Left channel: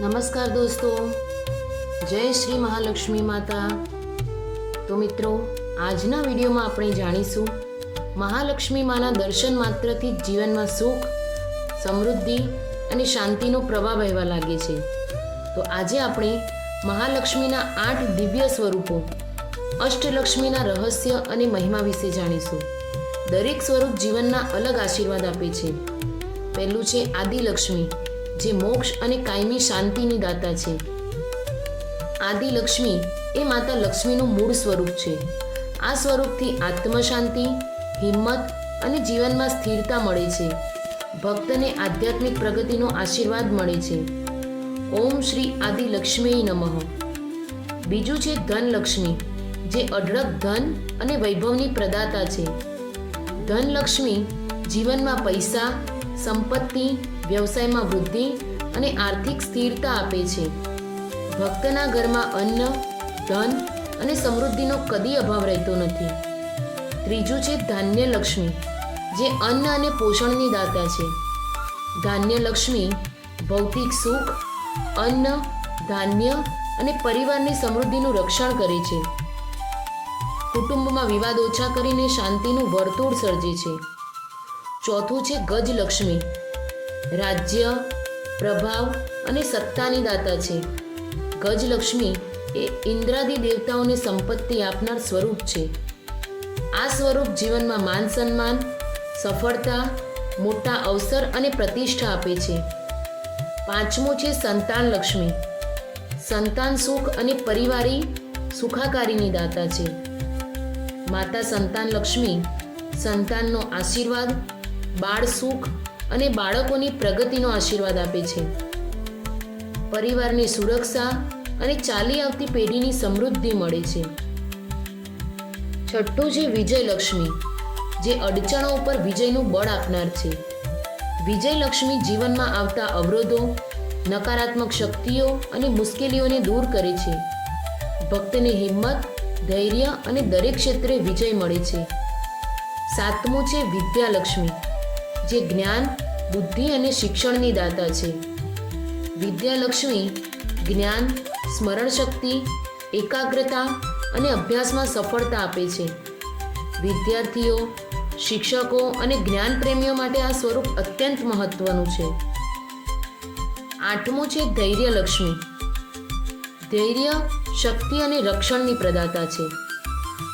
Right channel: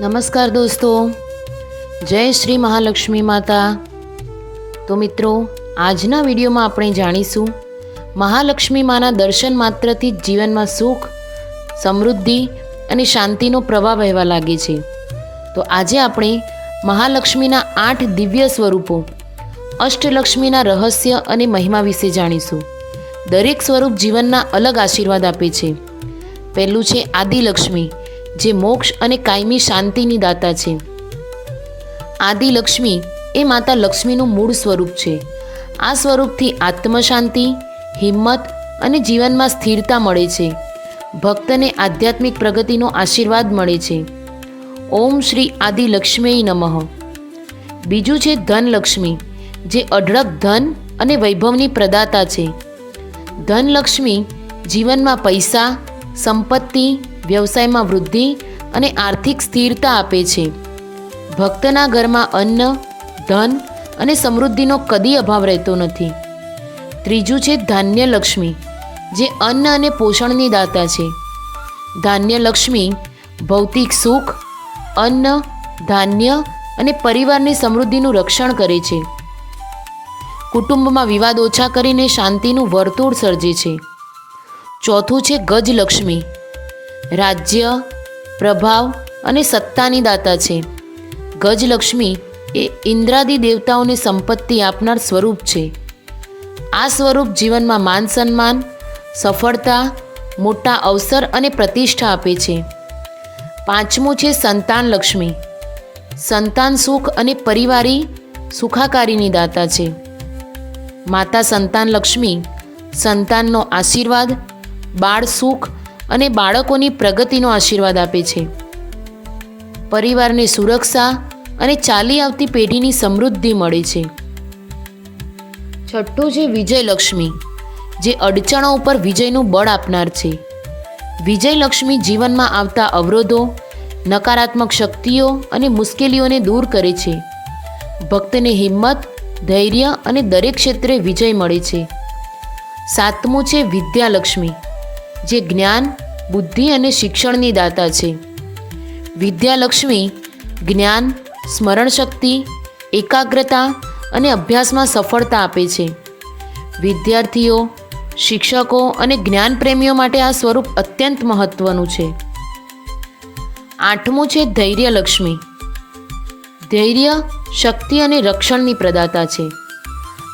નમસ્કાર દોસ્તો, જય શ્રી મહાલક્ષ્મી માતા। તો મિત્રો, આજના વિડીયોમાં આપણે જાણીશું મહાલક્ષ્મી માના દર્શન માત્રથી જ જીવનમાં સુખ, સમૃદ્ધિ અને શાંતિનો પ્રવાહ વહેવા લાગે છે। તો આજે આપણે મહાલક્ષ્મીના 8 દિવ્ય સ્વરૂપો, અષ્ટલક્ષ્મીના રહસ્ય અને મહિમા વિશે જાણીશું। દરેક સ્વરૂપ જીવનના અલગ આશીર્વાદ આપે છે। પહેલું છે આદિલક્ષ્મી, જે મોક્ષ અને કાયમી શાંતિની દાતા છે। આદિલક્ષ્મી એ માતા લક્ષ્મીનું મૂળ સ્વરૂપ છે। આ સ્વરૂપથી આત્મશાંતિ, હિંમત અને જીવનમાં સ્થિરતા મળે છે। ભક્તને આધ્યાત્મિક પ્રગતિનો આશીર્વાદ મળે છે। ઓમ શ્રી આદિલક્ષ્મી નમઃ। બીજું છે ધનલક્ષ્મી, જે અઢળક ધન અને વૈભવની પ્રદાતા છે। ધનલક્ષ્મી જીવનમાં પૈસા, સંપત્તિ, વ્યવસાયમાં વૃદ્ધિ અને આર્થિક સ્થિરતા આપે છે। ભક્તના ઘરમાં અન્ન, ધન અને સમૃદ્ધિનો કદી અભાવ રહેતો નથી। ત્રીજું છે ધાન્યલક્ષ્મી, જે અન્ન અને પોષણની દાતા છે। ધાન્યલક્ષ્મી ભૌતિક સુખ, અન્ન, ધાન્ય અને પરિવારની સમૃદ્ધિનું રક્ષણ કરે છે। કુટુંબમાં વિવાદ ઓછા કરીને શાંતિનું વર્તુળ સર્જે છે। ચોથું છે ગજલક્ષ્મી, રાજ્ય, પ્રભાવ અને સત્તાની દાતા છે। ગજલક્ષ્મી એ ઇન્દ્રાદિ દેવતાઓને સંપત્તિ આપનાર સ્વરૂપ છે। આ સ્વરૂપ જીવનમાં માન સન્માન, સફળતા, મોટા અવસર અને પ્રતિષ્ઠા આપે છે। પાંચમું છે સંતાનલક્ષ્મી, સંતાન સુખ અને પરિવારી સુખાકારીની દાતા છે। માતા સંતાનલક્ષ્મી સંતાનનો આશીર્વાદ, બાળ સુખ અને બાળકોની પ્રગતિનો આશીર્વાદ આપે છે। પરિવારને સુરક્ષા અને ચાલી આવતી પેઢીની સમૃદ્ધિ મળે છે। છઠ્ઠું છે વિજયલક્ષ્મી, જે અડચણો ઉપર વિજયનું બળ આપનાર છે। વિજયલક્ષ્મી જીવનમાં આવતા અવરોધો, નકારાત્મક શક્તિઓ અને મુશ્કેલીઓને દૂર કરે છે। ભક્તને હિંમત, ધૈર્ય અને દરેક ક્ષેત્રે વિજય મળે છે। સાતમું છે વિદ્યાલક્ષ્મી, જે જ્ઞાન, બુદ્ધિ અને શિક્ષણની દાતા છે। વિદ્યાલક્ષ્મી જ્ઞાન, સ્મરણ શક્તિ, એકાગ્રતા અને અભ્યાસમાં સફળતા આપે છે। વિદ્યાર્થીઓ, શિક્ષકો અને જ્ઞાનપ્રેમીઓ માટે આ સ્વરૂપ અત્યંત મહત્વનું છે। આઠમું છે ધૈર્યલક્ષ્મી, ધૈર્ય, શક્તિ અને રક્ષણની પ્રદાતા છે।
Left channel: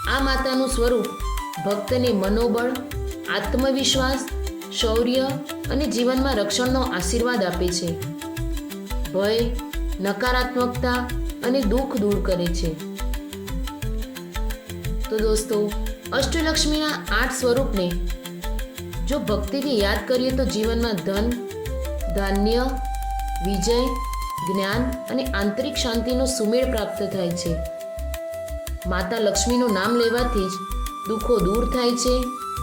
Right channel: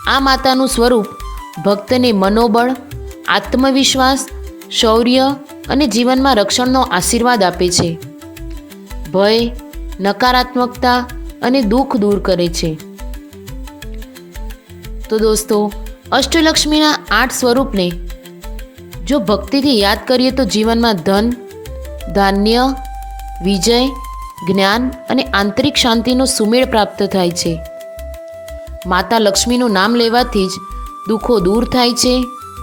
આ માતાનું સ્વરૂપ ભક્તને મનોબળ, આત્મવિશ્વાસ, શૌર્ય અને જીવનમાં રક્ષણનો આશીર્વાદ આપે છે। ભય, નકારાત્મકતા અને દુઃખ દૂર કરે છે। તો દોસ્તો, અષ્ટલક્ષ્મીના 8 સ્વરૂપને જો ભક્તિથી યાદ કરીએ તો જીવનમાં ધન, ધાન્ય, વિજય, જ્ઞાન અને આંતરિક શાંતિનો સુમેળ પ્રાપ્ત થાય છે। માતા લક્ષ્મીનું નામ લેવાથી જ દુઃખો દૂર થાય છે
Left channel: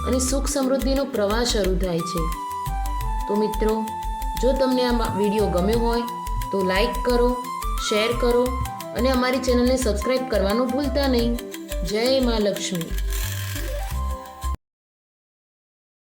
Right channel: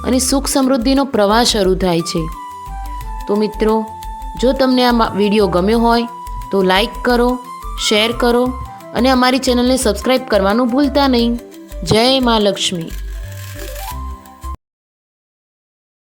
અને સુખ સમૃદ્ધિનો પ્રવાહ શરૂ થાય છે। તો મિત્રો, જો તમને આ વિડીયો ગમ્યો હોય તો લાઈક કરો, શેર કરો અને અમારી ચેનલને સબસ્ક્રાઈબ કરવાનું ભૂલતા નહીં। જય મા લક્ષ્મી।